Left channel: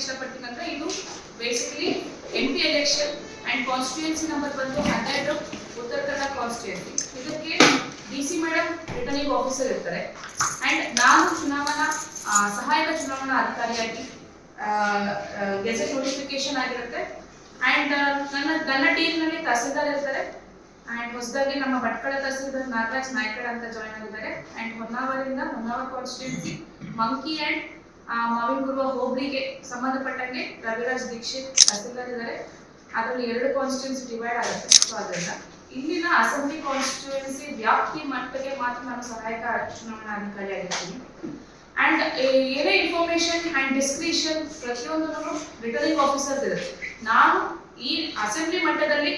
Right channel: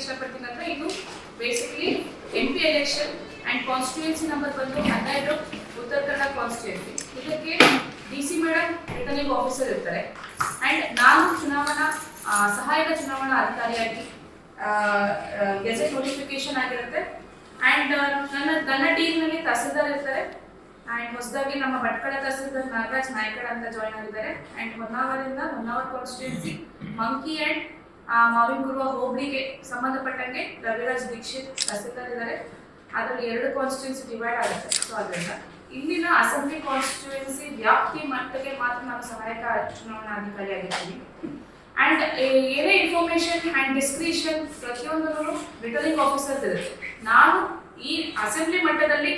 ಇಷ್ಟಪಡ್ತೀನಿ ಅಂದ್ರೆ ಇದು basically MP election and constituency number ಬಂದು 12 ಉತ್ತರ ಕನ್ನಡ ಕಾನ್ಸ್ಟಿಟ್ಯೂಯೆನ್ಸಿ. ಇದಕ್ಕೆ DC ಮೇಡಮ್ ರಿಟರ್ನಿಂಗ್ ಆಫೀಸರ್ ಇರ್ತಾರೆ ಅಂಡ್ ನಾನು ಚುನಾವಣಾ ಸಹಾಯಕ ಚುನಾವಣಾ ಅಧಿಕಾರಿಯಾಗಿ ಗೆಜೆಟ್ ನೋಟಿಫಿಕೇಶನ್ ಆಗಿರುತ್ತೆ ಅಂಡ್ ನನ್ನ ಟೀಮ್ನಲ್ಲಿ ತಹಸೀಲ್ದಾರ್ ಇರ್ತಾರೆ ಅಂಡ್ ಹೊಸದಾಗಿ ನಮ್ಮ ಭಟ್ಕಳ ತಹಸೀಲ್ದಾರ್ ನಾಗರಾಜ್ ನಾಯ್ಕಡ ಅಂತ ಜಾಯ್ನ್ ಆಗಿದ್ದಾರೆ and Honnavar constituency Manki and Mavinakurava ಹೋಬಳಿಗೆ ಸಂಬಂಧಪಟ್ಟಂಗೆ ರವಿರಾಜ್ ದೀಕ್ಷಿತ್ ತಹಸೀಲ್ದಾರ್ ಇದ್ದಾರೆ. ಅದರಲ್ಲಿ 2 ಕಾನ್ಸ್ಟಿಟ್ಯೂನ್ಸಿ ಡಿವೈಡ್ ಆಗುತ್ತೆ. ಸೊ ಅದರಿಂದ ಇಲ್ಲಿನ ಅಸೆಂಬ್ಲಿ ಕಾನ್ಸ್ಟಿಟ್ಯೂನ್ಸಿ ವ್ಯಾಪ್ತಿ ಮಟ್ಟಿಗೆ ಮಾತ್ರ ನಾನು ಸಹಾಯಕ ಚುನಾವಣಾ ಅಧಿಕಾರಿ ಆಗಿರ್ತೀನಿ ಅಂಡ್ ಏನೇ ಇನ್ಫಾರ್ಮೇಶನ್ ಅಂಡ್ ಡಿಸ್ಕ್ರಿಷನ್ ಪ್ರತಿಯೊಂದನ್ನು ರಿಟರ್ನಿಂಗ್ ಆಫೀಸರ್ ಇರುತ್ತೆ. ನಾನು ಈ ಅಸೆಂಬ್ಲಿ ಮಟ್ಟದಲ್ಲಿ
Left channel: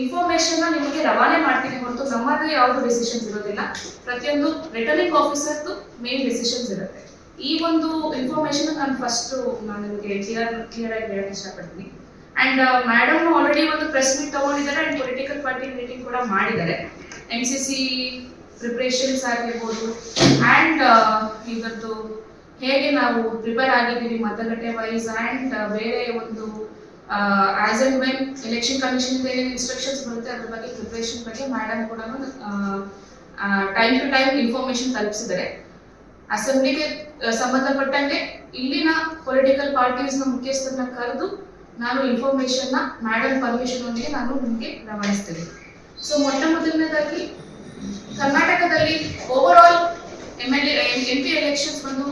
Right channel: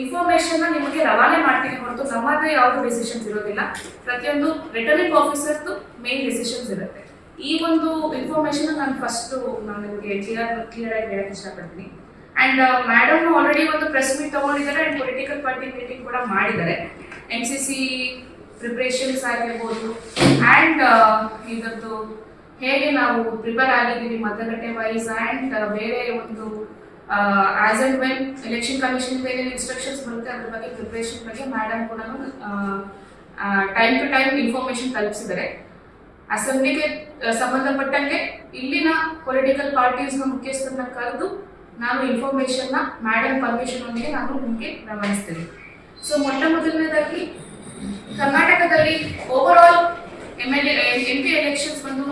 ಇನ್ಫಾರ್ಮೇಶನ್ ನಿಮಗೆ ರವಾನೆ ಮಾಡ್ತೀನಿ ಹೊರತು ನಮ್ಮದೇ ಯಾವುದು ಡಿಸಿಷನ್ಸ್ ಇರೋದಿಲ್ಲ. ಪ್ರತಿಯೊಂದು ರಿಟರ್ನಿಂಗ್ ಆಫೀಸರ್ದು ಮೇನ್ ಡಿಸಿಷನ್ಸ್ ಇರುತ್ತೆ. ಈ ಒಂದು ಇನ್ಫಾರ್ಮೇಶನ್ ನಾನು ನಿಮಗೆ ಕ್ಲಿಯರ್ ಆಗಿ ಹೇಳಕ್ಕೆ ಇಷ್ಟಪಡ್ತೀನಿ ಅಂಡ್ ಮೇಡಮ್ ಆಲ್ರೆಡಿ ಒಂದು ಪ್ರೆಸ್ ಮೀಟ್ ತಗೊಂಡಿದ್ದಾರೆ ಅಂಡ್ ಪೊಲಿಟಿಕಲ್ ಪಾರ್ಟಿ ಮೀಟಿಂಗ್ ಕೂಡ ಮಾಡಿದ್ದಾರೆ. MCC ಪ್ರಿಪ್ರೇಷನ್ಸ್ ಆಗಿರ್ಬೋದು ಅಂಡ್ ಇದರದ್ದು ಹೇಗೆ ನಾವು ಪ್ರಿಪೇರ್ ಆಗಿದ್ದೀವಿ ಮತಗಟ್ಟೆ ವೈಸ್ ಅಂಡ್ ಬೇರೆ ಒಂದು as and when election commission ಏನೇನು ಇನ್ಸ್ಟ್ರಕ್ಷನ್ಸ್ ಬರುತ್ತೆ ಅದ್ರ ಬಗ್ಗೆ ಪ್ರಿಪ್ರೇಷನ್ ಬಗ್ಗೆ ಮೇಡಮ್ ಕೂಡ ಟೈಮ್ ಟು ಟೈಮ್ ಇನ್ಫಾರ್ಮೇಶನ್ ತಲುಪಿಸಿದ್ದಾರೆ. ಅಸೆಂಬ್ಲಿಗೆ ಸಂಬಂಧಪಟ್ಟಂಗೆ ಇಲ್ಲಿನ ಪೊಲಿಟಿಕಲ್ ಪಾರ್ಟೀಸ್ನ ಮುಖ್ಯಸ್ಥರನ್ನ ಕರೆದು ನಾನು ಇನ್ಫಾರ್ಮೇಶನ್ನ ಮೇಡಮ್ ಪರ್ಮಿಷನ್ ಒಂದಿಗೆ ನಾನು ನಿಮಗೆ ರವಾನಿಸ್ತೀನಿ. ಸೊ ಮೊದಲನೇದಾಗಿ ಕರ್ನಾಟಕದಲ್ಲಿ ಓವರ್ ಆಲ್ MP ಎಲೆಕ್ಷನ್ಸ್ ಬಂದು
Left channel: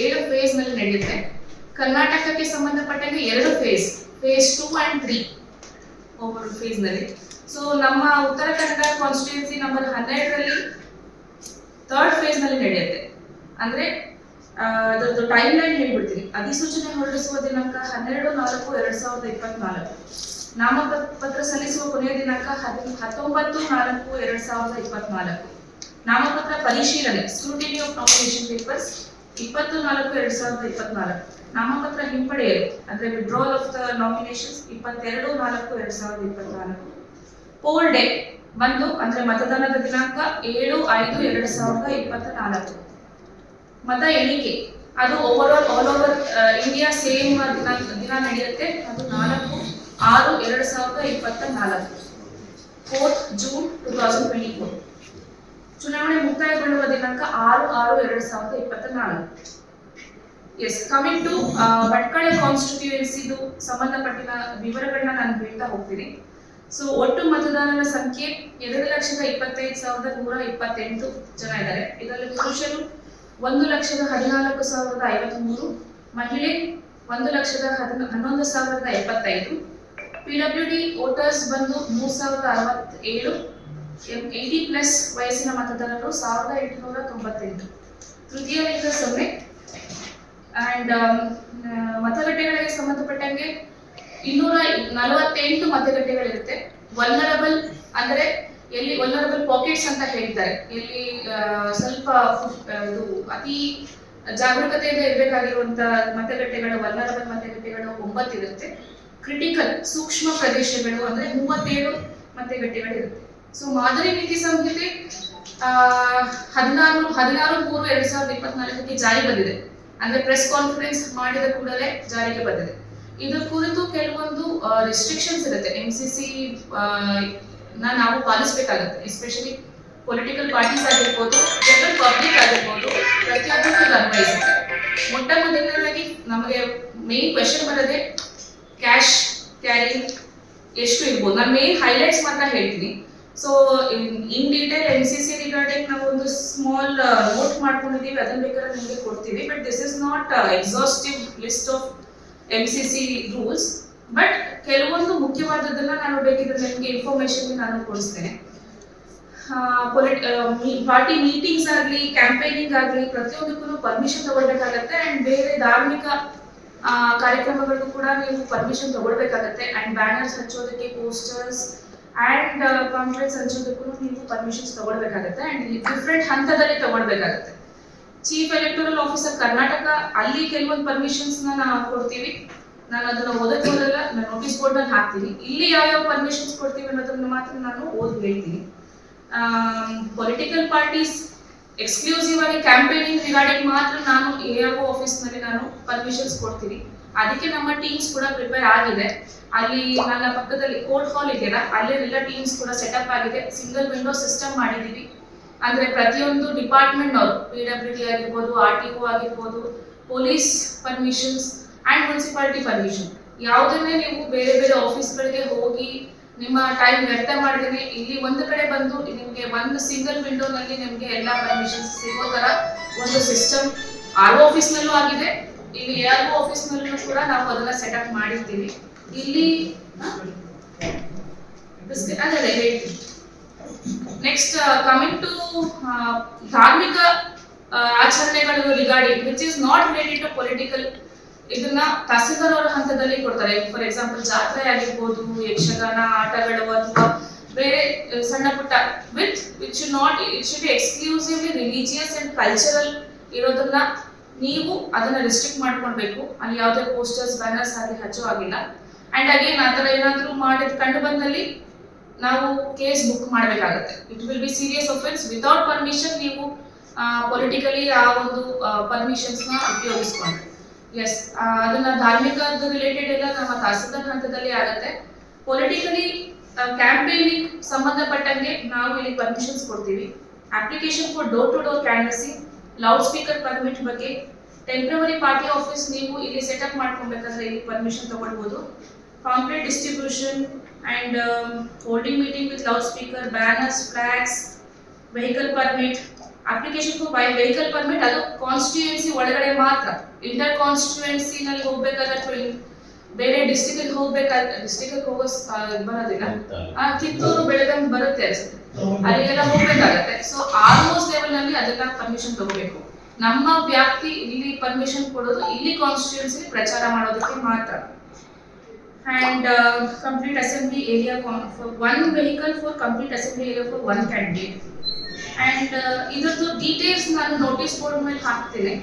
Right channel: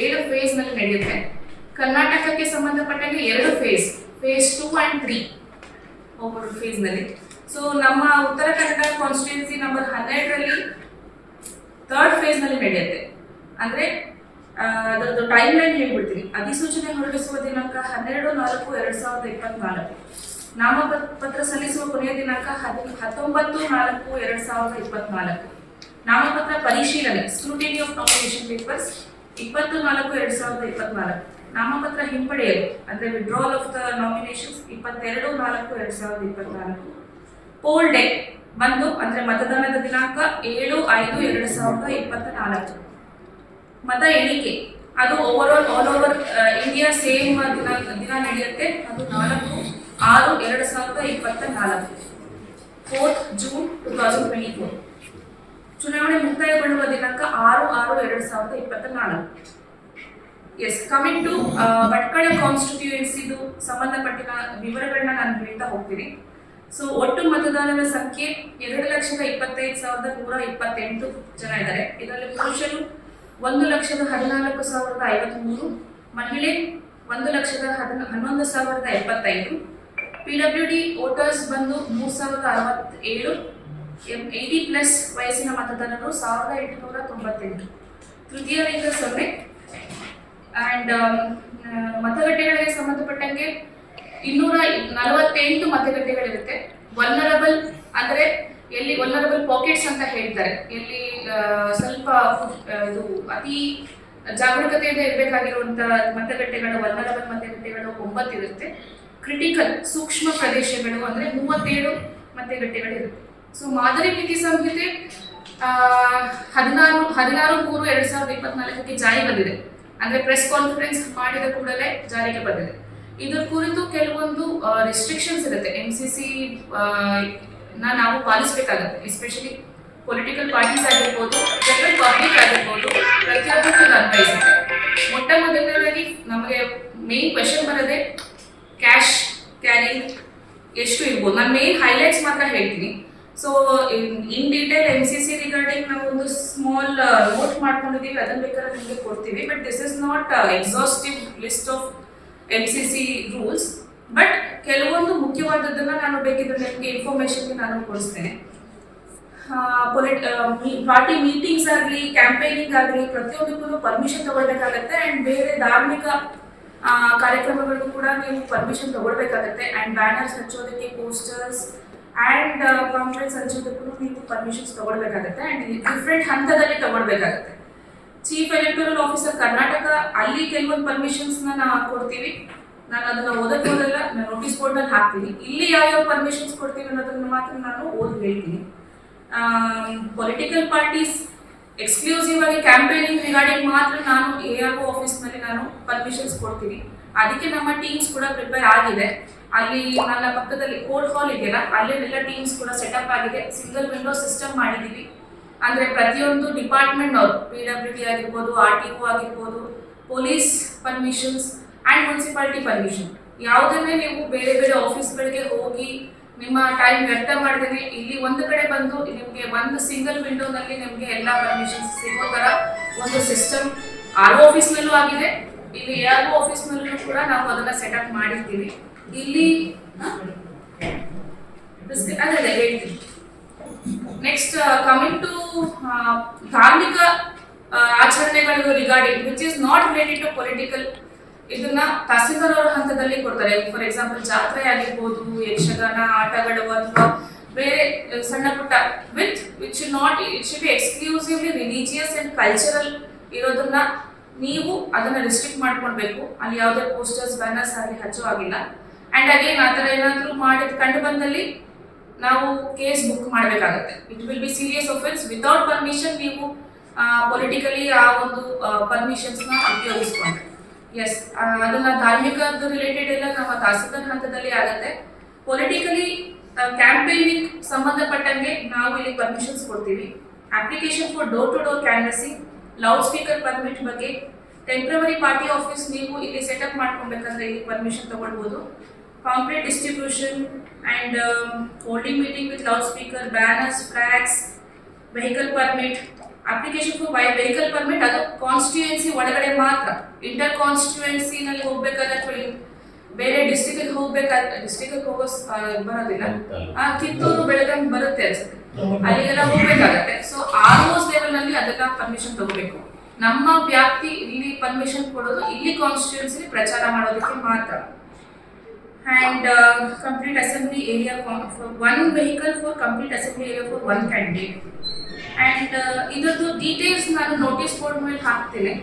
7 ಫೇಸ್ನಲ್ಲಿ ನಡೆಯುತ್ತೆ. ಕರ್ನಾಟಕಕ್ಕೆ ಸಂಬಂಧಪಟ್ಟಂಗೆ 2 ಫೇಸ್ 2 and 3 ಓವರ್ ಫೇಸ್ನಲ್ಲಿ. ಸೊ ನಮ್ಮ Uttara Kannada constituency number 12ರಲ್ಲಿ 3rd ಫೇಸ್ನಲ್ಲಿ ನಡೆಯುತ್ತೆ. ಅಂದರೆ ಅದರದ್ದು ಟೈಮ್ ಲೈನ್ ಹೇಳ್ಬಿಡ್ತೀನಿ. ಅಧಿಸೂಚನೆ ಹೊರಡಿಸುವ ದಿನಾಂಕ 12/4/2024. ನಾಮಪತ್ರ ಸಲ್ಲಿಸುವ ಕೊನೆಯ ದಿನಾಂಕ 19/4/2024. ನಾಮಪತ್ರ ಪರಿಶೀಲನೆ ಸ್ಕ್ರೂಟಿನಿ ಆಫ್ ನಾಮಿನೇಷನ್ ಪೇಪರ್ಸ್ 20/4/2024. ನಾಮಪತ್ರ ಹಿಂಪಡೆಯಲು ಅಂದರೆ withdrawal of the nominations 22/4/2024. Poll day ಬಂದು ಅಂದರೆ ಮತದಾನದ ದಿನಾಂಕ 7/5/2024. ಮತ ಎಣಿಕೆ ಅದು ಆಲ್ ಓವರ್ ಇಂಡಿಯಾ ಸೇಮ್ ದಿನ ನಡೆಯುತ್ತೆ. ಅದು 4/6/2024. 4th June 2024. ಚುನಾವಣೆ ಮುಕ್ತಾಯಗೊಳ್ಳುವ ದಿನಾಂಕ 6/6/2024. ಎಸ್, ಕಮಿಂಗ್ ಟು ಭಟ್ಕಳ ಕಾನ್ಸ್ಟಿಟ್ಯೂಯೆನ್ಸಿದು ಸಂಬಂಧಪಟ್ಟಿನ ವಿವರಗಳನ್ನ ನಾನು ಹೇಳ್ತಾ ಹೋಗ್ತೀನಿ. ಸೊ ಒಟ್ಟು ಮತದಾರರ ಸಂಖ್ಯೆ 2,25,128 ಜನ ಇದ್ದಾರೆ. ಇದರಲ್ಲಿ ಪುರುಷರು 1,14,053, ಮಹಿಳೆ 1,11,075. PWD ವೋಟರ್ಸ್ ಬಂದು 3,067. 80+ ವಯಸ್ಸಿನ ಮತದಾರರು 1,898. ತೃತೀಯ ಲಿಂಗ 0 ಅಂಡ್ ಮತಗಟ್ಟೆಗಳಿಗೆ ಸಂಬಂಧಪಟ್ಟಂಗೆ 248 ಮತಗಟ್ಟೆಗಳಿರುತ್ತೆ. ವಲ್ನರಬಲ್ ಅಂದರೆ ಎಲ್ಲಿ ವಲ್ನರಬಲ್ ಪಾಕೆಟ್ಸ್ ಅಂತ ಹೇಳ್ತಾರೆ, ಎಲ್ಲಿ ಸ್ವಲ್ಪ ಇದು ಅತಿ ಜಾಗರೂಕತೆಯಿಂದ ಇರಬೇಕಾಗಿರುವಂಥ ಮತಗಟ್ಟೆಗಳು ವಲ್ನರಬಲ್ ಮತಗಟ್ಟೆಗಳು 9 ಇರುತ್ತೆ. ಕ್ರಿಟಿಕಲ್ ಸೂಕ್ಷ್ಮ ಪ್ರದೇಶಗಳು ಅಂದರೆ 37 ಮತಗಟ್ಟೆಗಳಿರುತ್ತೆ. ಸೊ ಮಾದರಿ ನೀತಿ ಸಂಹಿತೆ 16/3/2024 ಜಾರಿ ಬಂದಿದೆ. ಅಂದರೆ ಪ್ರೆಸ್ ಕಾನ್ಫರೆನ್ಸ್ ಮಾಡಿದ ಕೂಡಲೇ ಜಾರಿಗೆ ಬಂದಿದೆ. ಇದರ ಕುರಿತು ಕೆಲವೊಂದು ರೆಸ್ಟ್ರಿಕ್ಷನ್ಸ್ ಇರುತ್ತೆ. MCC ನಾವು ಪಾಲಿಸಬೇಕಾಗುತ್ತೆ. ಎಸ್ಪೆಷಲಿ ಪೊಲಿಟಿಕಲ್ ಪಾರ್ಟೀಸ್ ಆಗಿರ್ಬೋದು, ಜನರಲ್ ಪಬ್ಲಿಕ್ ಆಗಿರ್ಬೋದು, ಪ್ರತಿಯೊಬ್ಬರಿಗೂ ಅನ್ವಯಿಸುತ್ತೆ. ಮೊದಲನೇದಾಗಿ ನಮಗೆ ಮೇನ್ ಕ್ವೆಶನ್ ಬರೋದೇ ಕ್ಯಾಶ್ ಕ್ಯಾರಿಂಗ್ ಎಷ್ಟು ಇರ್ಬೋದು. ನಾನು ಮೇನ್ ಹೈಲೈಟ್ಸ್ ಮಾತ್ರ ಹೇಳ್ತೀನಿ. So in detail MCC regarding ನಾವು ಒಂದು ಸ್ಮಾಲ್ ನೋಟ್ ಮಾಡ್ಕೊಂಡಿದ್ದೀವಿ, ಅದನ್ನ ಬೇಕಾದ್ರೆ ನಿಮಗೆ ಕೊಡ್ತೀವಿ. But this is not exhaustive list of MCC rules. But ಕೆಲವೊಂದು ಮುಖ್ಯವಾದದ್ದನ್ನ ನಾನು ಬೇಕಿದ್ರೆ ನಿಮಗೆ ಇನ್ಫಾರ್ಮೇಶನ್ಗೆ ನಾನು ಕೊಡಿಸ್ತೇನೆ. ಪಾರ್ಟಿ ಮೀಟಿಂಗ್ಸ್ ಆಗಲಿ, ಕ್ಯಾಂಪೇನಿಂಗ್ ಆಗಲಿ ಪ್ರತಿಯೊಂದಕ್ಕೂ ಪರ್ಮಿಷನ್ ತಗೊಳ್ಬೇಕಾಗತ್ತೆ. ಆ್ಯಂಡ್ ಬೇರೆ ಧಾರ್ಮಿಕ ಕಾರ್ಯಕ್ರಮಗಳಿಗೂ ಕೂಡ ನೀವು ಪರ್ಮಿಷನ್ ತಗೊಳ್ಬೇಕಾಗತ್ತೆ. ಆ್ಯಂಡ್ ಬ್ಯಾನರ್ಸ್ ಹಚ್ಚೋದಕ್ಕೆ, ಪೋಸ್ಟರ್ಸ್ ಆ್ಯಂಡ್ ಕಾನ್ಫರೆನ್ಸ್ ಹಂಚೋದಕ್ಕೂ ನೀವು ಪರ್ಮಿಷನ್ಸ್ ತಗೊಳ್ಬೇಕಾಗತ್ತೆ. ಆ್ಯಂಡ್ ಡಿಫ್ರೆಂಟ್ ಹಂತದಲ್ಲಿ ತಗೊಳ್ಬೇಕಾಗತ್ತೆ. ಚೀಫ್ ಎಲೆಕ್ಟೋರಲ್ ಆಫೀಸರ್ ಕರ್ನಾಟಕ, ಅಲ್ಲಿ ಕೆಲವೊಂದು ಪರ್ಮಿಷನ್ಸ್ನ ನಾವು ಕೊಡ್ತೀವಿ. ನಾನು ಅದನ್ನು ಓದಕ್ಕೆ ಹೋದಲ್ಲ, ನಾನು ನೋಟಿಸ್ ಬೋರ್ಡ್ನಲ್ಲಿ ಹಾಕ್ತೀನಿ. ಇಲ್ಲಿ ಯಾವ್ಯಾವ ಪರ್ಮಿಷನ್ಸ್ ಕೊಡ್ತೀವಿ ಅನ್ನೋದನ್ನು ಮಾತ್ರ ನಾನು ಓದಿ ಹೇಳ್ತೀನಿ. ಪೊಲಿಟಿಕಲ್ ಪಾರ್ಟೀಸ್ ಎಕ್ಸ್ಕ್ಲೂಸಿವ್ ಆಗಿ ಕ್ಯಾಂಪೇನಿಂಗ್ ರಿಗಾರ್ಡಿಂಗ್ ಮಾತ್ರ ನಾನು ARO ಆಫೀಸ್ನಲ್ಲಿ ನಾನು ಪರ್ಮಿಷನ್ಸ್ ಕೊಡ್ತೀನಿ. ಅದಕ್ಕೆ ನಮ್ಮ ಟೀಮ್ಸ್ ಕೂಡ ಪ್ರಿಪೇರ್ ಆಗಿದೆ. ಅಲ್ಲಿ ನನ್ನ ಪಕ್ಕದಲ್ಲಿ ಕೋರ್ಟ್ ಹಾಲ್ ಇದೆಯಲ್ಲ, ಅಲ್ಲೆಲ್ಲ ಟೀಮ್ಸ್ ಕೂಡ ಸೆಟಪ್ ಆಗಿದೆ. ಸಿಂಗಲ್ ವಿಂಡೋ ಸಿಸ್ಟಮ್ ಮಾಡಿದ್ದೀವಿ. ಅಂದರೆ ಪ್ರತಿಯೊಂದು ಡಿಪಾರ್ಟ್ಮೆಂಟ್ ಅವರು PWD ಆಗಿರ್ಬೋದು, RTO ಆಗಿರ್ಬೋದು, police permissions and municipality permission, ಯಾವುದನ್ನೇ ನೀವು ಬೇರೆ ಬೇರೆ ಆಫೀಸ್ಗಳಿಗೆ ಹೋಗಿ ನಿಮ್ಮ ಟೈಮ್ ವ್ಯರ್ಥ ಮಾಡಿದ್ರೆ ಇಲ್ಲಿ ಒಂದು ಕಡೆ ಬಂದು ನಿಮಗೆ ಒಂದು ಸಿಂಗಲ್ ವಿಂಡೋನಲ್ಲಿ ನಿಮಗೆ ಎಲ್ಲ ಪರ್ಮಿಷನ್ಸ್ ಸಿಗೋ ಥರ ಒಂದು ಸಿಸ್ಟಮ್ RO ಆಫೀಸ್ನಲ್ಲೂ ಆಗಿದೆ. ಇಲ್ಲಿ ARO ಆಫೀಸ್ನಲ್ಲೂ ಕೂಡ ನಾವು ಅದನ್ನ ಸೆಟಪ್ ಮಾಡಿರ್ತೀವಿ. ಇಲ್ಲಿ ಅದೇ ಹೇಳ್ತೀವಿ. ನೆಕ್ಸ್ಟ್ ಕಮಿಂಗ್ ಟು ಧಾರ್ಮಿಕ ಆಚರಣೆಗಳು regarding which is not related to political, ಇದನ್ನ ತಹಸೀಲ್ದಾರ್ ಅವರ ಹಂತದಲ್ಲಿ ಕೊಡ್ತಾರೆ. ಫಾರ್ ಎಕ್ಸಾಂಪಲ್ ಜಾತ್ರೆ ಆಗಿರ್ಬೋದು, ಯಕ್ಷಗಾನ ಆಟಗಳು ಅಥವಾ ಬೇರೆ ಸಣ್ಣ ಪುಟ್ಟ which not it should be exclusively religious and cultural ಇರೋದನ್ನ ನೀವು ಅದನ್ನ ರಿಸ್ಟ್ರಿಕ್ಟ್ ಮಾಡ್ಕೊಳ್ಬೇಕು. ಅಲ್ಲಿ ಯಾವುದೇ ಪೋಸ್ಟರ್ಸ್ ಬ್ಯಾನರ್ಸ್ ಆಗಲಿ ಹಚ್ಚೋ ಆಗಿಲ್ಲ. ಅಂಡ್ ಅಗೇನ್ ಆ ಥರ ಏನಾದರೂ ಮಾಡಿದ ಕಂಡು ಬಂದಲ್ಲಿ ನಾವು ಕೇಸ್ ಬುಕ್ ಮಾಡಬೇಕಾಗತ್ತೆ. It will be serious offence. Without permission ನೀವು ಪೊಲಿಟಿಕಲಿ ಆ ಒಂದು ಪರ್ಮಿಷನ್ಸ್ನ ಉಪಯೋಗಿಸ್ಕೊಂಡ್ರೆ ಎಸ್ ಅದನ್ನ ಧಾರ್ಮಿಕದ ರಿಲೇಟೆಡ್ ಎಲ್ಲ ನಮ್ಮ ತಹಸೀಲ್ದಾರ್ ಹಂತದಲ್ಲಿ ಆಗುತ್ತೆ. ಪೊಲಿಟಿಕಲಿ ಕ್ಯಾಂಪೇನಿಂಗ್ ಸಂಬಂಧಪಟ್ಟಂಗೆ ನಾವು ಇಲ್ಲಿ ಪರ್ಮಿಷನ್ಸ್ ಕೊಡ್ತೀವಿ. Application for door to door canvassing, loud speaker permit ಬಗ್ಗೆ, ಟೆಂಪ್ರವರಿ ಪಾರ್ಟಿ ಆಫೀಸ್ ನೀವು ಇಲ್ಲಿ ಸೆಟಪ್ ಮಾಡ್ಕೊಬೇಕಂದ್ರೆ ಇಲ್ಲಿ ಪರ್ಮಿಷನ್ ತಗೊಳ್ಬೋದು. Pamphlet distribution and holding meeting with loud speaker, banners, flags, vehicle permit. Application for vehicle permit ಅದು constituency ಒಳಗಡೆ ಮಾತ್ರ. Inter ಕಾನ್ಸ್ಟಿಟ್ಯೂಯೆನ್ಸಿನಲ್ಲಿ ಹೋಗ್ಬೇಕಾದ್ರೆ ಅಥವಾ ಬೇರೆ ಡಿಸ್ಟಿಕ್ಗೆ ಹೋಗ್ಬೇಕಾದ್ರೆ, ಡಿಸ್ಟಿಕ್ಗೆ ಹೋಗೋ ಬರೋದಿಲ್ಲ, ಕಿತ್ತೂರು ಬೆಳಗಾಂ ಬರುತ್ತೆ ಅನ್ಸುತ್ತೆ, ಅಲ್ಲಿಗೆಲ್ಲ ಹೋಗ್ಬೇಕಾಗತ್ತೆ. ಸೊ ಆಲ್ಮೋಸ್ಟ್ ಲೆವೆಲ್ನಲ್ಲಿ ಅದೆಲ್ಲ ಪರ್ಮಿಷನ್ ತಗೋಬೇಕು. ನಮ್ಮ ವ್ಯಾಪ್ತಿ ಇಲ್ಲಿ ಪರ್ಮಿಷನ್ ಕೊಡೋದು ಇಲ್ಲಿ ಕಾನ್ಸ್ಟಿಟ್ಯೂಯೆನ್ಸಿ ಪ್ರಚಾರ ಮಾಡೋದಕ್ಕೆ ಮಾತ್ರ. And complete assembly area for 1 vehicle for complete assembly area for 1 candidate. And ಇದರದ್ದು ಡೀಟೇಲ್ಸ್ ನಾನು ನೋಟಿಸ್ ಬೋರ್ಡ್ ಮೇಲೆ ಹಾಕ್ತೀನಿ.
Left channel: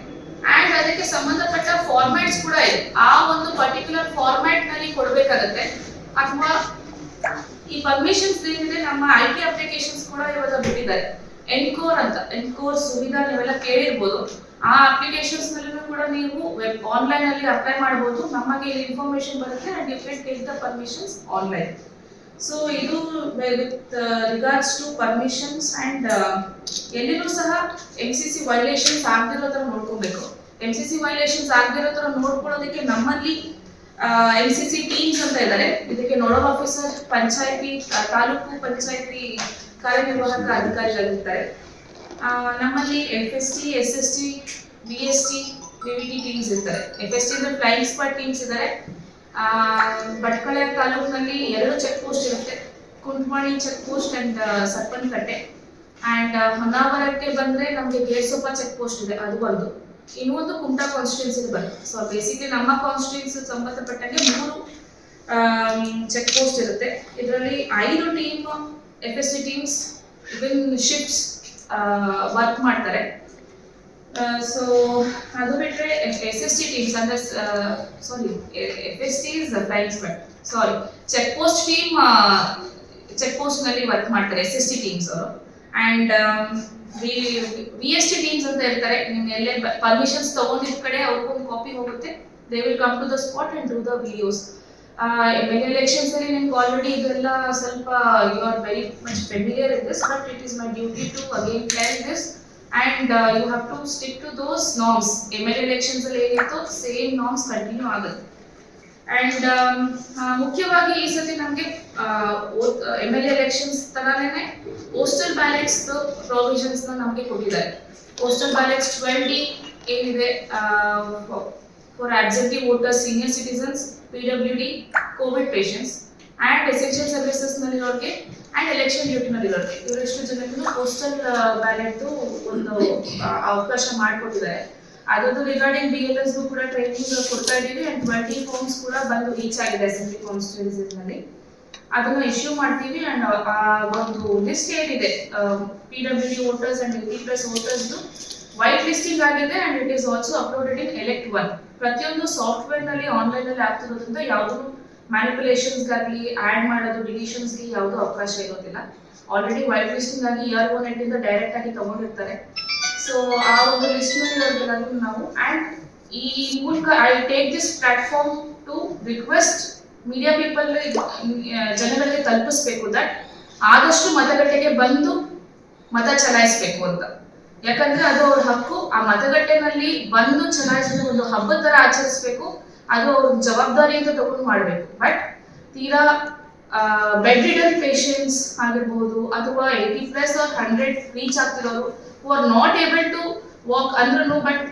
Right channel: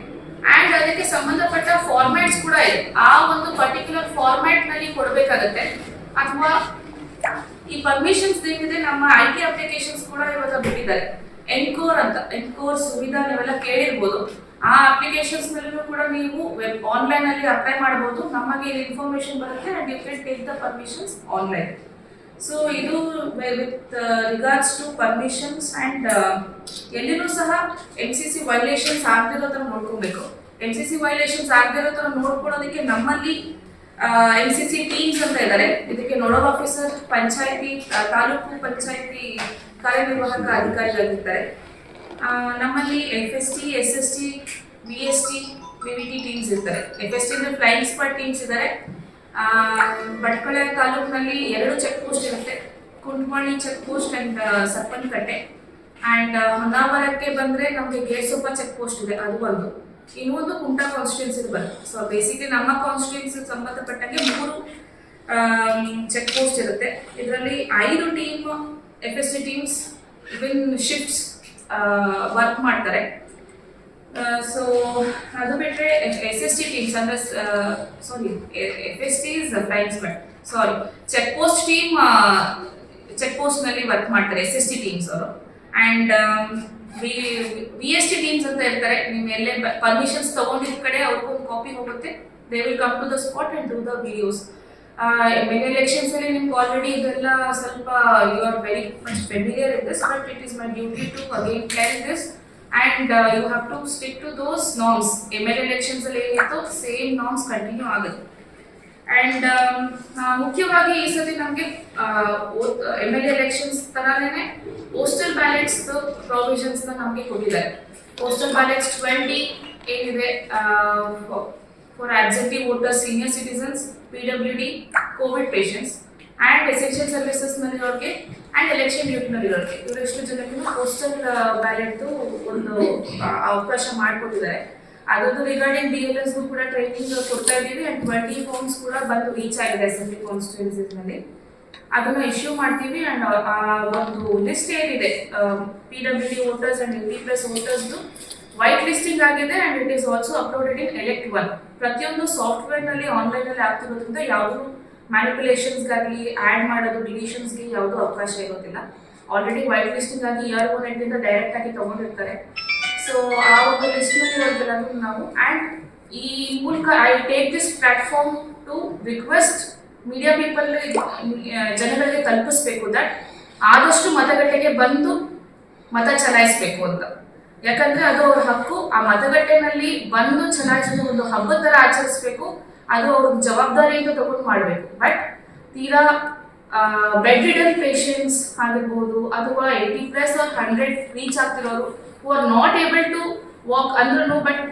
ಆ್ಯಂಡ್ ಅದಕ್ಕೆ ಸಂಬಂಧಪಟ್ಟ ಫಾರ್ಮ್ಯಾಟ್ಸ್ ಕೂಡ ಇದೆ. ಆ ಒಂದು ಪರ್ಟಿಕ್ಯುಲರ್ ಫಾರ್ಮ್ಯಾಟ್ನಲ್ಲಿ ಕೊಡಬೇಕಾಗತ್ತೆ. ಅಥವಾ ಈ ಪರ್ಮಿಷನ್ಸ್ ಏನಿದೆ ನಮ್ಮ IT ಅಪ್ಲಿಕೇಶನ್ಸ್ ಕೂಡ ಇವಾಗ ಬಿಟ್ಟಿದ್ದಾರೆ. ಎನ್ಕೋರ್ ಅಂತ, ಎನ್ಕೋರ್ ಸುವಿಧಾ ನೀವೆಲ್ಲ ಕೇಳಿರ್ಬೋದು. ಆ ಅಪ್ಲಿಕೇಶನ್ಸ್ನಲ್ಲೂ ಕೂಡ ನೀವು ಆನ್ಲೈನಲ್ಲಿ ಅಪ್ಲೈ ಮಾಡ್ಬೋದು. ನಮಗೆ ಇಲ್ಲಿ ಇನ್ಫಾರ್ಮೇಶನ್ ಬರುತ್ತೆ and you can take the permissions online. So ಇದು with regards to permissions. And ಎಲ್ಲಿನೂ ಸಹ MCC ವೈಲೇಷನ್ಸ್ ಆಗದಿರೋ ಥರ ನೋಡ್ಕೊಬೇಕು. MCC ವೈಲೇಷನ್ಸ್ ಆಗದಿರೋ ಥರ ನೋಡ್ಕೊಳ್ಳೋದಕ್ಕೆ ನಮ್ಮಲ್ಲಿ MCC ಟೀಮ್ಸ್ ಅಂತ ಇದ್ದಾರೆ. ಇದಕ್ಕೆ ನೋಡಲ್ ಆಫೀಸರ್, ಪಂಚಾಯತಿ, ತಾಲೂಕು ಪಂಚಾಯತಿ ಕಾರ್ಯನಿರ್ವಾಹಕ ಅಧಿಕಾರಿಗಳಿರ್ತಾರೆ. ನಮ್ಮಲ್ಲಿ FST, SST, VST, VVT teams ಇರ್ತಾರೆ. FST ಅಂದರೆ ಫ್ಲೈಯಿಂಗ್ ಸ್ಕ್ವಾಡ್ ಟೀಮ್ಸ್ ಇದ್ದಾರೆ. ಭಟ್ಕಳ ತಾಲೂಕಿನಲ್ಲಿ 2 ಚೆಕ್ ಪೋಸ್ಟ್ ಇರುತ್ತೆ, ಕುಂಟವಾಣಿ ಚೆಕ್ ಪೋಸ್ಟ್ ಆ್ಯಂಡ್ ಸರ್ಪನ್ಕಟ್ಟೆ. ಆ್ಯಂಡ್ ಹೊನ್ನಾವರಕ್ಕೆ ಬಂದರೆ ನಮಗೆ ಗೇರ್ಸೊಪ್ಪ ಚೆಕ್ ಪೋಸ್ಟ್ ಇದೆ, ಅದು ಒಂದು. ಇನ್ನೊಂದು ಕುಮಟಾ ಕಾನ್ಸ್ಟಿಟ್ಯೂನ್ಸಿ ಬರುತ್ತೆ. ಸೊ ಬೇಸಿಕ್ಲಿ ನಮ್ಮ ಕಾನ್ಸ್ಟಿಟ್ಯೂನ್ಸಿ ಸಂಬಂಧಪಟ್ಟಂಗೆ 3 ಚೆಕ್ ಪೋಸ್ಟ್ ಇರುತ್ತೆ. ಇದರಲ್ಲಿ 5 team FST teams win shifts work ಮಾಡ್ತಾರೆ. ಸೊ ಅದು ಬಿಟ್ಟರೆ SST ಟೀಮ್ಸ್ ಅಂದರೆ FST is flying squad, check post team check ಪೋಸ್ಟ್ನಲ್ಲಿ ವರ್ಕ್ ಮಾಡ್ತಾರೆ SST ಟೀಮ್ಸ್ ಅವರು. ಆ್ಯಂಡ್ VST ಟೀಮ್ಸ್ ಅಂತ ಇರ್ತಾರೆ. ನಿಮ್ಮ ಎಲ್ಲೇ ಪರ್ಮಿಷನ್ಸ್ ತೊಗೊಂಡಿದ್ದ ಕಡೆ ಅವ್ರಿಗೊಂದು ಕಾಪಿ ಹೋಗುತ್ತೆ. They will come to the spot and do the videos. MLA elections ಅಲ್ಲಿ ನಿಮ್ಗೆ ಆಲ್ರೆಡಿ ಇದೆಲ್ಲ ಸ್ವಲ್ಪ you are very much familiar in this, but it is my duty to again clear this and you have to stick to those norms. MLA elections ಅಲ್ಲಿ ಏನಿತ್ತು same norms continue ಆಗುತ್ತೆ. And ಮುಖ್ಯವಾಗಿ ಈ ಸತಿ ನಮಗೆ MLA elections ಥರನೇ postal ballots ಪ್ರೊವಿಷನ್ಸ್ನ ನಮಗೆ ಕೊಟ್ಟಿದ್ದಾರೆ. ಪೋಸ್ಟಲ್ ಬ್ಯಾಲೆಟ್ಸ್ 20 ಏನಿದೆ for absentee voters, senior citizens, PWD, Covid patients and essential ಸರ್ವಿಸಸ್ನಲ್ಲಿರೋರಿಗೆ ಆ್ಯಂಡ್ ಎಲೆಕ್ಷನ್ ಡ್ಯೂಟಿನಲ್ಲಿರೋರಿಗೆ, ಇವರೆಷ್ಟು ಜನಕ್ಕೂ ಪೋಸ್ಟಲ್ ಬ್ಯಾಲೆಟ್ದು ಒಂದು ಅವಕಾಶ ಮಾಡಿಕೊಟ್ಟಿದ್ದಾರೆ. ಅದರದ್ದು ರಿಗಾರ್ಡಿಂಗ್ BLS ಕೂಡ ಟ್ರೈನಿಂಗ್ ಕೊಡ್ತಾ ಇದ್ದೀವಿ. ಆ್ಯಂಡ್ 20 ಫಾರ್ಮ್ಸ್ ಕೂಡ ಬಂದು ರೀಚ್ ಆಗಿದೆ ಅಸೆಂಬ್ಲಿ ಕಾನ್ಸ್ಟಿಟ್ಯೂನ್ಸಿನಲ್ಲಿ. ಅದನ್ನು ಇಶ್ಯೂ ಮಾಡ್ತೀವಿ. ಆ್ಯಂಡ್ ಆ ಒಂದು ಲಿಸ್ಟ್ ಏನಿದೆ PWD ವೋಟರ್ಸ್ ಆ್ಯಂಡ್ LT+ ವೋಟರ್ಸ್ದು ವೈಟ್ ಲಿಸ್ಟಿಂಗ್ ಆಗಿದೆ. And it is also uploaded in Elect1. ಪ್ರತಿಯೊಂದು ಸಾಫ್ಟ್ವೇರ್ನಲ್ಲಿ ಆನ್ಲೈನಲ್ಲಿ ಆಗ್ತಿರೋದ್ರಿಂದ ಯಾವುದೂ ಮ್ಯಾನಿಪುಲೇಷನ್ಸ್ಗಾಗಲಿ ಆ್ಯಡ್ ಮಾಡೋದು ಡಿಲೀಷನ್ಸ್ಗೆ ಯಾವುದೂ ಅವಕಾಶ ಇರೋದಿಲ್ಲ. ಆಲ್ರೆಡಿ ವೈಟ್ ಲಿಸ್ಟಿಂಗ್ ಆಗಿ ER1 ಇಂದ ಡೈರೆಕ್ಟ್ ಆಗಿ ತೊಗೊಂಡಿರ್ತಾರೆ. ಸೊ ಆ ಒಂದು ಲಿಸ್ಟ್ನಲ್ಲಿ ಇರೋದೆಲ್ಲರೂ ನಾವು ಆ್ಯಂಡ್ ಈ ಮೂಲಕ I take this platform to request media people ಜನಗಳಿಗೆ ತಲುಪಿಸ್ಬೇಕು ದಟ್ ಆದಷ್ಟು ಮತಗಟ್ಟೆಗೆ ಬಂದು ಮತ ಚಲಾಯಿಸಬೇಕು ಅಂತ. ಯಾಕಂದ್ರೆ ಅದು ಅವ್ರ ಹಕ್ಕು. ಆ ಮತಗಟ್ಟೆನಲ್ಲಿ ಬಂದು ಚಲಾಯಿಸೋದು ಒಂದು ಹಬ್ಬದ ಥರ ಆಚರಿಸ್ಬೇಕು. ಅದು ಅವ್ರ ಜವಾಬ್ದಾರಿ ಅಂತ ತಗೊಂಡು ಮಾಡಬೇಕು. ಬಟ್ ತೀರಾ ಬೆಡ್ ರಿಡನ್ ಪೇಷಂಟ್ಸ್ ಆಗಿರ್ಬೋದು ಅಥವಾ 80+ or 100 ರೀಚ್ ಆಗ್ತಿರೋರು who are not able to walk ಅಂದ್ರೂ ಬಟ್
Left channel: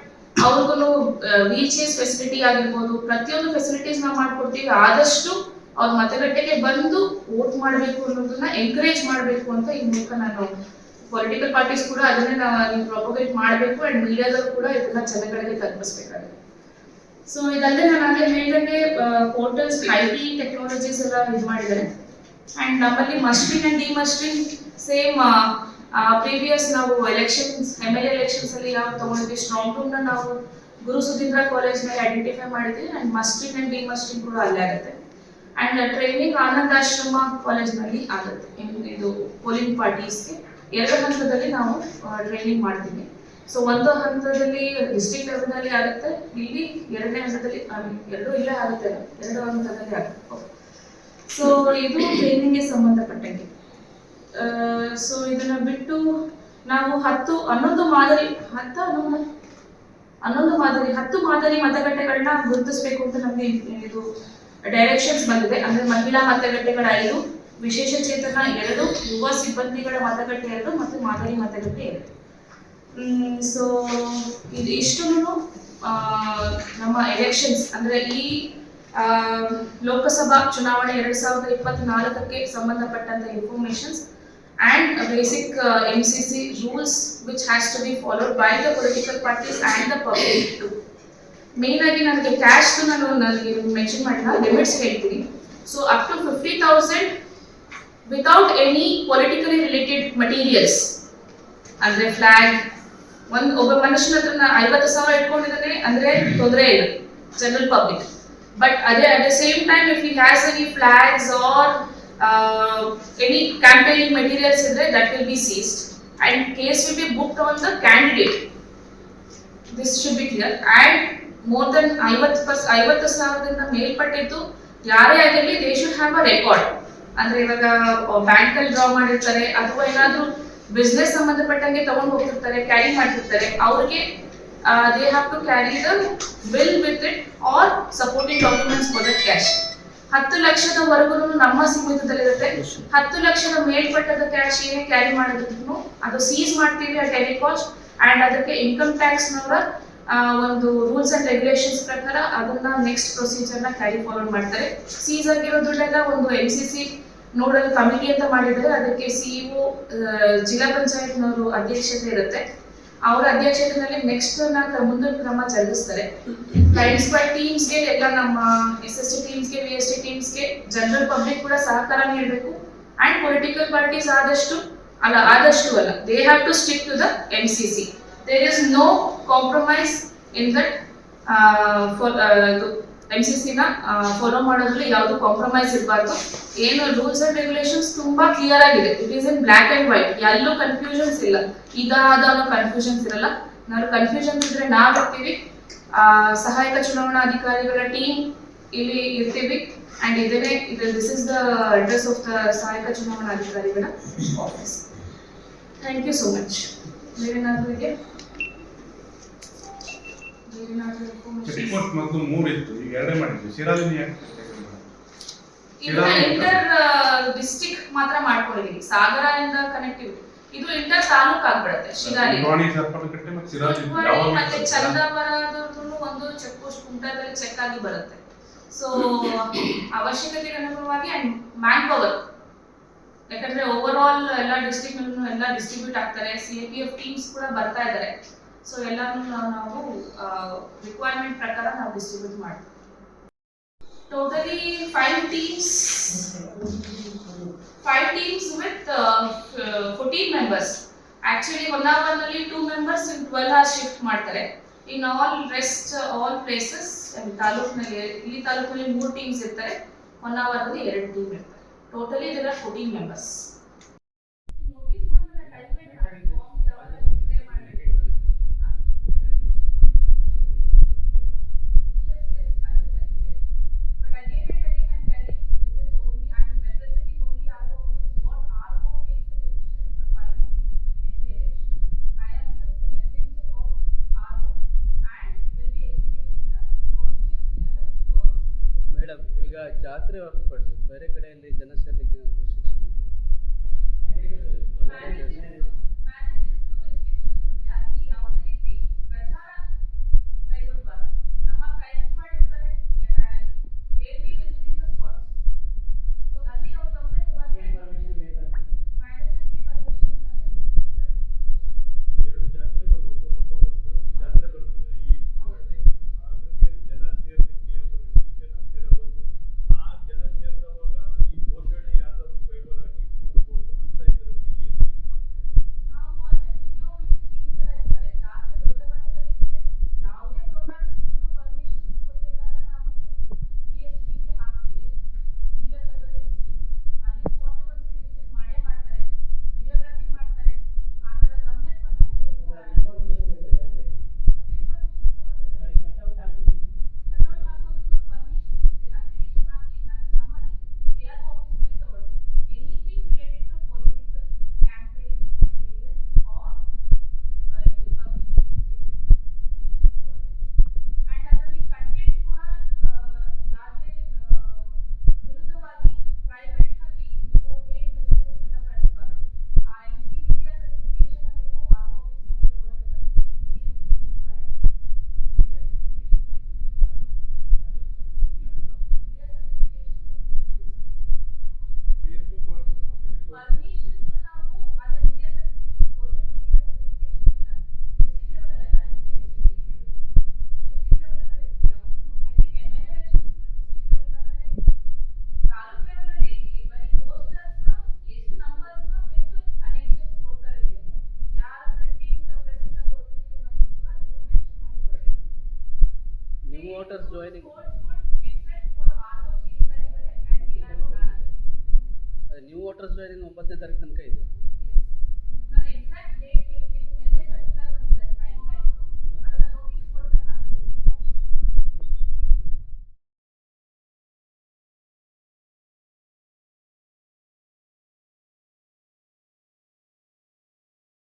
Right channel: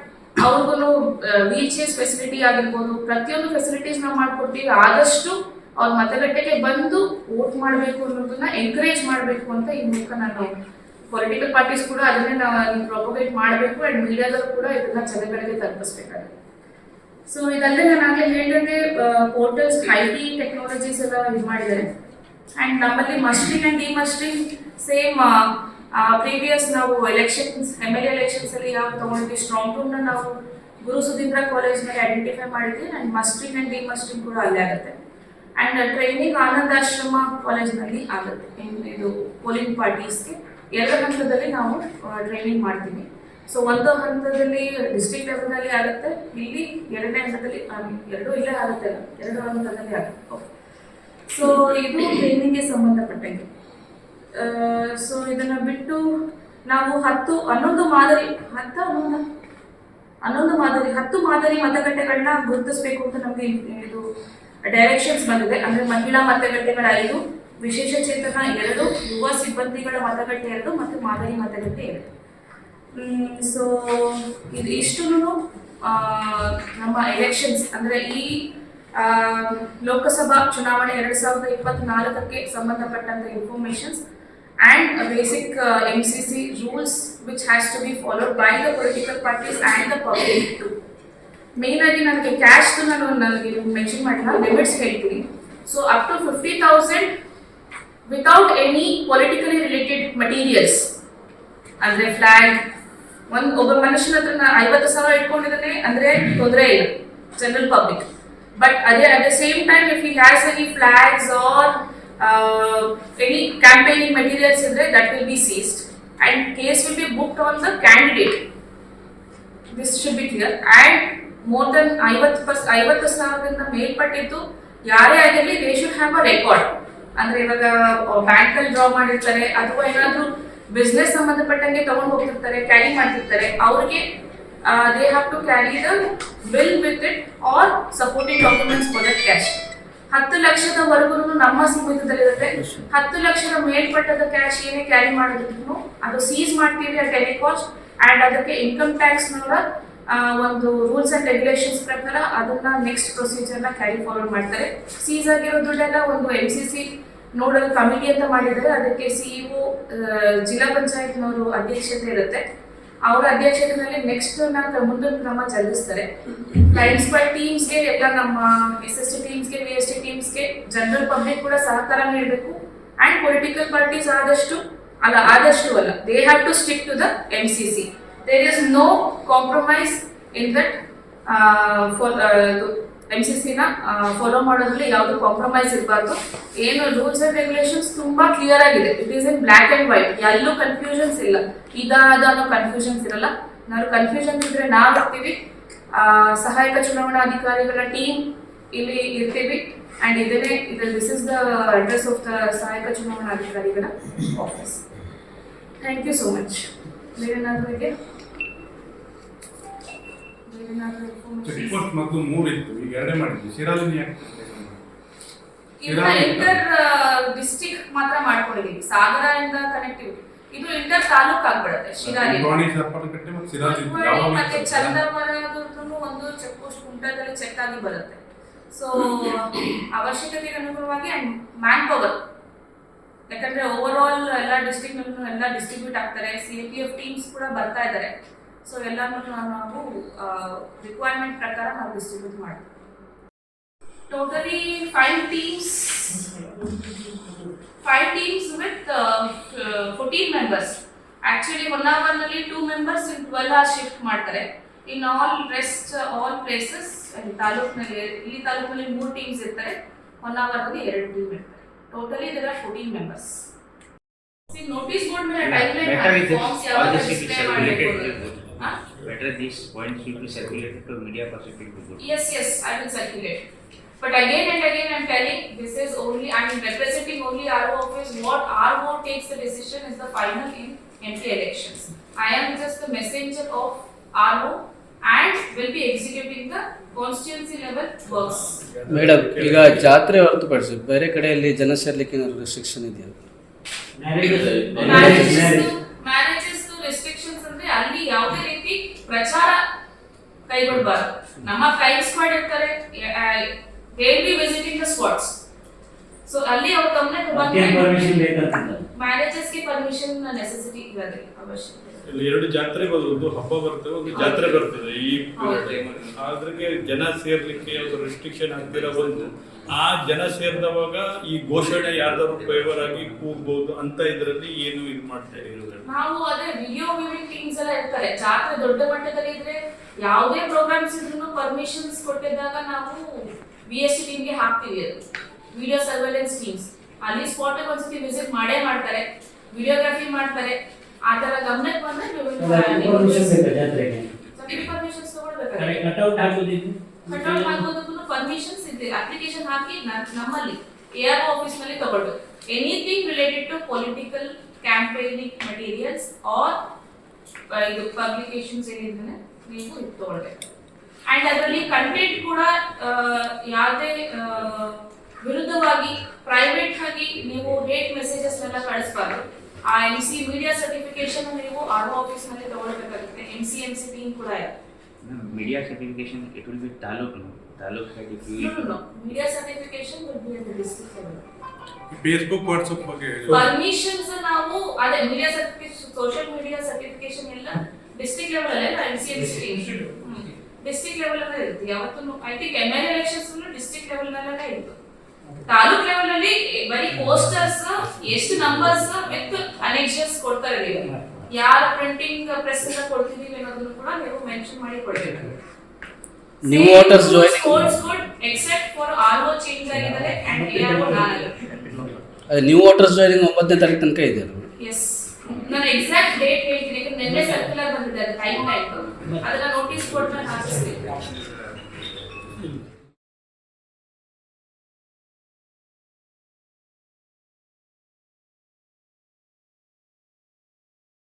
ಅವ್ರಿಗೂ ವೀಲ್ ಚೇರ್ಸ್ ಫೆಸಿಲಿಟಿ ಆಗಿರ್ಬೋದು, ಪ್ರತಿಯೊಂದು ಫೆಸಿಲಿಟೀಸ್ ನಾವು ಮಾಡ್ಕೊಡ್ತೀವಿ. ಆದಷ್ಟು ಅವ್ರ ಮತಗಟ್ಟೆಗೆ ಬಂದು ವೋಟ್ ಮಾಡಬೇಕು ಅನ್ನೋದನ್ನ ಎಂಕರೇಜ್ ಮಾಡಬೇಕು ಅಂತ ಈ ಮೂಲಕ ನಾನು ಪೊಲಿಟಿಕಲ್ ಪಾರ್ಟೀಸ್ ಕೂಡ ಅದನ್ನೇ ನೀವು ಪ್ರೊಪಗೇಟ್ ಮಾಡಬೇಕು ಆ್ಯಂಡ್ ಮೀಡಿಯಾದವರು ಕೂಡ ಇದನ್ನ ಜನಗಳಿಗೆ ತಲುಪಿಸ್ಬೇಕಾಗುತ್ತೆ. ಸೊ ಇದಲ್ಲದೆ ನಾನು ಆಗಲೇ ಹೇಳಿದಂಗೆ ಪೋರ್ಟಲ್ಸ್ ಹೈಲಿ ಟೆಕ್ನಾಲಜೀಸ್ ಎಲ್ಲ ಇದು ಮಾಡಿದ್ದಾರೆ. ಆ್ಯಂಡ್ ನಮ್ಮಲ್ಲಿ ಮಸ್ಟ್ರಿಂಗ್ ಆ್ಯಂಡ್ ಡಿಮಸ್ಟ್ರಿಂಗ್ ಸೇಮ್ ಪ್ರೀವಿಯಸ್ ನಾವು ಎಲೆಕ್ಷನ್ಸ್ MLA ಎಲೆಕ್ಷನ್ಸ್ ಅಲ್ಲಿ ಯಾವ ತಗೊಂಡಿದ್ವಿ, ಸ್ಟ್ರಾಂಗ್ ರೂಮ್ನ ನಾವು ಗುರು ಸುಧೀಂದ್ರ ಕಾಲೇಜ್ನಲ್ಲಿ ಐಡೆಂಟಿಫೈ ಮಾಡಿದ್ವಿ. ಆ್ಯಂಡ್ ಮಸ್ಟ್ರಿಂಗ್ ಆ್ಯಂಡ್ ಡಿಮಸ್ಟ್ರಿಂಗ್ ಕೂಡ ಅಲ್ಲೇ ಆಗುತ್ತೆ. ಆ್ಯಂಡ್ ಟ್ರೈನಿಂಗ್ ಆನಂದಾಶ್ರಮ ಕಾಲೇಜ್ನಲ್ಲಿ ಆಗುತ್ತೆ. ಇದು ಪೋಲಿಂಗ್ ಪಾರ್ಟೀಸ್ಗೆ 2 ಹಂತದಲ್ಲಿ ನಾವು ಟ್ರೈನಿಂಗ್ ಮಾಡ್ತೀವಿ. ಸೊ ಒಂದು ಹಂತದಲ್ಲಿ ಡಿಸ್ಟ್ರಿಕ್ಟ್ ಲೆವೆಲ್ನಲ್ಲಿ ಆಗುತ್ತೆ, ಇಲ್ಲಿ 2ನೇ ಹಂತದಲ್ಲಿ 2 ಇಲ್ಲೇ ಆಗುತ್ತೆ, 2 ಹಂತದಲ್ಲಿ ಆಗುತ್ತೆ. ಓಕೆ, ಸೊ ಇದು ಟ್ರೈನಿಂಗ್ಗೆ ಸಂಬಂಧಪಟ್ಟಂಗೆ. ಸೊ ಇದನ್ನ ಬಿಟ್ಟು ನಾವು 11 ಮಾದರಿ ಮತಗಟ್ಟೆಗಳನ್ನ ಗುರುತಿಸಬೇಕು ಅಂತ ನಮಗೆ ಇದು ಡೈರೆಕ್ಷನ್ಸ್ ಬಂದಿದೆ. ಅಂದ್ರೆ ಮಹಿಳಾ ಮತಗಟ್ಟೆಗಳ 5, ವಿಶೇಷ ಚೇತನ 2, ಯುವ ಸಿಬ್ಬಂದಿಗಳ ಮತಗಟ್ಟೆ 2 ಮತ್ತು ಮಾದರಿ ಮತಗಟ್ಟೆ 2. ಸೊ ಇದು ಇಷ್ಟು ನಮ್ಮ ಎಲೆಕ್ಷನ್ಸ್ ಅಂದ್ರೆ ಈ ಲೋಕಸಭಾ ಚುನಾವಣೆ 2024ಕ್ಕೆ ಸಂಬಂಧಪಟ್ಟಂತ informations and basic MCC rules which has to be followed by the political parties and the public too. Main ಆಗಿ ನನಗೆ ಕ್ಯಾಶ್ ನಾನು ಮೆನ್ಷನ್ ಮಾಡಿಲ್ಲ, ಲಿಮಿಟ್ಸ್ ಹೇಳ್ತೀನಿ. So up to 50,000 without any politically related materials, ಅಂದ್ರೆ ಫ್ಲಾಗ್. ಒಬ್ಬ ಮನುಷ್ಯನ ಹತ್ರ 50,000 ಇಟ್ಕೊಂಡಿದ್ದಾನೆ ಅಂದ್ರೆ ತೊಂದರೆ ಇಲ್ಲ, ಜನರಲ್ ಪಬ್ಲಿಕ್. ಬಟ್ ಅದೇ at the same time if he has any flags or any campaigning materials idre that will be seized and case will be booked on the candidate. This should be clear. And more than 50,000 ಮೇಲ್ಪಟ್ಟಿದ್ದು ಯಾರೇ ಆಗಿರಲಿ they should have a record. ಅಂದ್ರೆ ಇವಾಗ bank ಅಲ್ಲಿ draw ಮಾಡಿರ್ತಾರೆ ಅಥವಾ ಏನಾದ್ರೂ business ಸಂಬಂಧಪಟ್ಟಂಗೆ ತಗೊಂಡು ಹೋಗ್ತಿರ್ತಾರೆ, ಕ್ಯಾರಿ ಮಾಡ್ತಿರ್ತಾರೆ, ಅವ್ರಿಗೆ they have to carry the bill with it or supporting documents for the cash. 10 ಲಕ್ಷದವರೆಗೂ ನಮ್ಮ ಸೀಮಿತದಲ್ಲಿರುತ್ತೆ. 10 ಲಕ್ಷದ ಮೇಲ್ಪಟ್ಟದ ಕ್ಯಾಶ್ ಏನೇ ಕ್ಯಾರಿ ಮಾಡಿದ್ರು ಅದು ಸೀಸ್ ಮಾಡ್ತೀವಿ ಅಟ್ ಎನಿ ಕಾಸ್ಟ್. ಆ್ಯಂಡ್ ಅದಕ್ಕೆ ಇನ್ಕಮ್ ಟ್ಯಾಕ್ಸ್ನವರ ಒಂದು ರೂಲ್ಸ್ ಆ್ಯಂಡ್ ರೆಗ್ಯುಲೇಷನ್ಸ್ ಪ್ರಕಾರ ಅದನ್ನ ನೆಕ್ಸ್ಟ್ ಪ್ರೊಸೀಜರ್ನ ಕ್ಯಾರಿ ಫಾರ್ವರ್ಡ್ ಮಾಡ್ತಾರೆ. ಸೀಸ್ ಆಗಿರೋ ದುಡ್ಡೆಲ್ಲ ಒಂದು MCC ನೋಡಲ್ ಕಮಿಟಿ ಅಂತ ಮಾಡಿದರೆ ಅದಕ್ಕೆ CEO ಜಿಲ್ಲಾ ಪಂಚಾಯತ್ನವರು ಅಧ್ಯಕ್ಷತೆ ಇರುತ್ತೆ. ಅವರ ಅಧ್ಯಕ್ಷತೆಯಲ್ಲಿ ನೆಕ್ಸ್ಟ್ ಮುಂದಿನ ಕ್ರಮ ಜರುಗಿಸ್ತಾರೆ. ಫ್ಲೈಯಿಂಗ್ ಸ್ಕ್ವಾಡ್ ಟೀಮ್ಸ್ಗೆ ಎಲ್ಲ ನಮ್ಮ SST ಟೀಮ್ಸ್ಗೆ VST ಟೀಮ್ಸ್ಗೆ ಜನರಲ್ ಪಬ್ಲಿಕ್ ಕೂಡ ಸಹಕಾರ ನೀಡಬೇಕು. ಆ್ಯಂಡ್ ಪೊಲಿಟಿಕಲ್ ಪಾರ್ಟೀಸ್ ಆದಷ್ಟು ಅಲ್ಲ they have to stick to the MCC. There is no compromise in that. MCCನ ಫಾಲೋ ಮಾಡೋದ್ರಲ್ಲಿ ಯಾವುದು ಕಾಂಪ್ರಮೈಸ್ ಇರಬಾರ್ದು. ಏನು ರೂಲ್ಸ್ ಅಂಡ್ ರೆಗ್ಯುಲೇಷನ್ಸ್ ತುಂಬಾ ಕ್ಲಿಯರ್ ಆಗಿದೆ. It is in black and white, ಎಲ್ಲೂ ಕನ್ಫ್ಯೂಷನ್ಸ್ ಇಲ್ಲ. ಅನ್ನೋ ಕನ್ಫ್ಯೂಷನ್ಸ್ ಇರಲ್ಲ. ನಾವು ಕನ್ಫ್ಯೂಷನ್ಸ್ ಇದ್ರೆ ನಾವಿರ್ತೀವಿ, ಸಹಾಯಕ ಚುನಾವಣಾಧಿಕಾರಿಗಳ ಟೀಮ್ ಇಲ್ಲಿ ಇರ್ತೀವಿ. And this is the address of the ಸಹಾಯಕ ಚುನಾವಣಾಧಿಕಾರಿಗಳ office. Thank you so much. ಬೇರೆನಾದ್ರೂ ಇದೆಯಾ? ರಿಪೋರ್ಟ್ ಮತ್ತು 3 ಇತ್ತು, ಈಗ 2 ಮಾಡಿದ್ವಿ. ಇಂಟರ್ ಡಿಸ್ಟ್ರಿಕ್ಟ್ ಮಾತ್ರ ಮಾಡ್ಕೊಂಡಿದೀವಿ. ಸಾಗರ ಇಂದ ಕನೆಕ್ಟಿವಿಟಿ ಇದು ಇಂಟರ್ ತಾಲೂಕ್ ಆಗ್ಬಿಡುತ್ತೆ. ಶಿರಾಲಿ ಮತ್ತೆ ಚಂದವರದೂ ಒಂದು ಚೆಕ್ ಪೋಸ್ಟ್ ಕುಮಟಾದಲ್ಲಿ ಚೆಕ್ ಆಗಿ ಬರುತ್ತೆ. ಸೊ ಅವಶ್ಯಕತೆಗೆ ಅನುಗುಣವಾಗಿ ಅಂಡ್ ಮ್ಯಾನ್ ಪವರ್, ಯಾಕಂದ್ರೆ ಓವರ್ ಆಲ್ ಎಲ್ಲ ಡಿಸ್ಟ್ರಿಕ್ಟ್ ಎಲ್ಲ ಡಿಸ್ಟ್ರಿಬ್ಯೂಟ್ ಆಗ್ತಾರೆ. CAPF ಟೀಮ್ಸ್ ಕೂಡ ಬರ್ತಾ ಇದ್ದಾರೆ. ಸೊ ಎಲ್ಲಾನು ನಾವು ರಿಕ್ವೈರ್ಮೆಂಟ್ ಪ್ರಕಾರ ನಾವು ಡಿಸ್ಟ್ರಿಬ್ಯೂಟ್ ಮಾಡ್ತೀವಿ. Totally 5 teams with 14 members. Actually 1 hour ನಲ್ಲಿ 2 members in 12 hours ಶಿಫ್ಟ್ ಮಾಡ್ತಾರೆ. In all places ತಾಲೂಕಿನಲ್ಲಿ, ಇಲ್ಲಿ ತಾಲೂಕಿನಲ್ಲಿ 3 teams ಇರ್ತಾರೆ. 1 hour ನಲ್ಲಿ 2 team ಇರ್ತಾರೆ. Totally there are 14 members. Notice board ಮೇಲೆ ಟೈಮ್ಲೈನ್ ಫಾರ್ಮ್ಸ್ ಯಾವಾಗ ಡಿಸ್ಪ್ಲೇ ಮಾಡಬೇಕು better these points will be circulated to media perspective. Yes, I will circulate. But again and again I'm telling, this is only, I'm representing only RO office. What RO takes the decision is the final in MP elections. I am just the messenger of RO and will be executing the constituency level works. Madam, ಈಗ ಜಾತ್ರೆ ಹೊರತುಪಡಿಸಿ ಬೇರೆ ಕಡೆಯಲ್ಲಿ ಜನ ಸೇರ್ಲಿಕ್ಕೆ ಏನಾದ್ರು restriction ಇದೆಯಾ? Marriages restrictions ಅಂದ್ರೆ ಅಲ್ಲಿ ಯಾವುದೇ ರೀತಿ ಪ್ರಚಾರ ಕೈಗೊಳ್ಳಬಾರದು. ನಮ್ಮ ಫ್ಲೈಯಿಂಗ್ ಸ್ಕ್ವಾಡ್ ಇರ್ತಾರೆ, they will be visiting the spots. So ಅಲ್ಲಿ ಅವ್ರ ಗಮನಕ್ಕೆ ಬಂದ್ರೆ ಮ್ಯಾರೇಜಸ್ ಗೆ ಪರ್ಮಿಷನ್ ನೆಸೆಸಿಟಿ ಇರೋದಿಲ್ಲ, ಅವಶ್ಯಕತೆ. ಇಲ್ಲಿ 2 ಜಾತ್ರೆ ಒಂದು ಹಬ್ಬ ಬರ್ತದೆ, ಒಂದು ಜಾತ್ರೆ ಬರ್ತದೆ. ಈ ಅದ್ರಿಗೆ ಜನ ಸೇರ್ಲಿಕ್ಕೆ ಒಂದು ರೆಸ್ಟ್ರಿಕ್ಷನ್ ಆಗ್ತಿರ ಬಂದು ಆ ಜನ ಸೇರಿದವಾಗ ಈ ಘೋಷಣೆ ಯಾರ್ದಾರು ಫೇವರ್ ಆಗಿ ಕೂಗ್ಬಹುದು ಅಂತ ಇದ್ರಲ್ಲಿ ಏನು ಇದು ಮಾಡ್ತಾ ಇರೋದು. ನಾವು ಅದೇ ವಿಡಿಯೋ ವಿವಿಂಗ್ ಟೀಮ್ಸ್ ಎಲ್ಲ ಇರ್ತಾರೆ. ಜಾತ್ರೆ ದೊಡ್ಡ ಮಟ್ಟದಲ್ಲಿ ಇದ್ರೆ ಯಾವುದೇ ಪ್ರೋಗ್ರಾಮ್ಸ್ ಇದ್ರೂ ಪರ್ಮಿಷನ್ಸ್ ಕೊಟ್ಟಿದ್ದಾಗ ನಾವು VST ಟೀಮ್ಗೆ ಹಾಕ್ತೀವಿ. ಅದು ವಿಡಿಯೋ ಸರ್ವೆಲೆನ್ಸ್ ಟೀಮ್ಸ್ ಅಲ್ಲಿ ಸ್ಪಾಟ್ ಒಂದ್ಸತಿ ವಿಸಿಟ್ ಮಾಡೇ ಮಾಡ್ತಾರೆ, ವಿಡಿಯೋಗ್ರಫಿ ಮಾಡ್ತಾರೆ. ಆ ತರ ಗಮನಕ್ಕೆ ಬಂದ್ರೆ ಪರ್ಮಿಷನ್ಸ್ ತಗೊಳ್ಬೇಕಾದ್ರೆ ಕಟ್ಔಟ್ ಹಾಕೋದಕ್ಕೂ ಪರ್ಮಿಷನ್ಸ್ ಇದೆ. ಅಪ್ಲಿಕೇಶನ್ ಹಾಕಿ ನಮ್ಮಲ್ಲಿ ARO ಆಫೀಸ್ ನಲ್ಲಿ ತಗೊಳ್ಬೇಕು. Anything related to political campaigning materials or ಇದು ಪಬ್ಲಿಕೇಶನ್ಸ್ ಏನಿದ್ರೆ ನೀವು ಇದು ತಗೊಳ್ಬೇಕು. ಅಂಡ್ ಅದರಲ್ಲಿ ಕಂಟೆಂಟ್ ಕೂಡ ಯಾವುದೇ ವಿರುದ್ಧವಾಗಿ ಪ್ರೈವೇಟ್ ಆಗಿ ನೀವು ಹೇಟ್ ಮೆಸೇಜಸ್ ನೆಲ್ಲ ಕಳಿಸಬಾರ್ದು. ಆ MC ಮೀಡಿಯಾ ಸರ್ಟಿಫಿಕೇಶನ್ ನೀವು RO ಆಫೀಸ್ ನಲ್ಲಿ ತಗೊಳ್ಬೇಕಾಗುತ್ತೆ. MCMC ಟೀಮ್ ಕೂಡ ಇದೆ. Media certification, it will be taluk like if you No. Media certification will be at the district level. Facebook WhatsApp ಬಗ್ಗೆ ಪರ್ಮಿಷನ್ಸ್ ನಾವು ಅದೇ media certification, social media certification ಎಲ್ಲ district level ಅಲ್ಲ, MCMC district level ಅಲ್ಲೇ ಇರುತ್ತೆ. ಯಾವತ್ತೂ I think MLA elections district level ನಲ್ಲೇ ಇತ್ತು. ತಾಲೂಕ್ ಲೆವೆಲ್ ಅಲ್ಲಿ ಬರೀ ಪೋಸ್ಟರ್ಸ್ ಎಷ್ಟು ನಂಬರ್ಸ್ ವಿತ್ ಅನೆಕ್ಷನ್ಸ್ ಕೊಡ್ತಾರೆ. ಯಾರ ಪ್ರಿಂಟಿಂಗ್ ಪ್ರೆಸ್ ಇಂದ ಕೊಡ್ತಿದೀವಿ ಅನ್ನೋದನ್ನು ಕೂಡ ನೀವು ಮೆನ್ಷನ್ ಮಾಡಿ ಕೊಡಬೇಕು. New voters joining accept for RO change ಆಗಿದ್ದಾರೆ ಅಂಡ್ ARO ನಾನಲ್ಲ. ನ್ಯೂ ವೋಟರ್ಸ್ ಜಾಯಿನಿಂಗ್ 9ನೇ ತಾರೀಕು ತನಕ ಇದೆ ಅಲ್ವಾ? ಎಸ್, ನಾನು ಎಕ್ಸಾಕ್ಟ್ ಡೇಟ್ ಹೇಳ್ತೀನಿ. ಯಾಕಂದ್ರೆ ನಿನ್ನೆ ಸರ್ಕ್ಯುಲರ್ ಬಂದಿದೆ, ಅದು ಟೈಮ್ ಆಯ್ತು. ಅದನ್ನ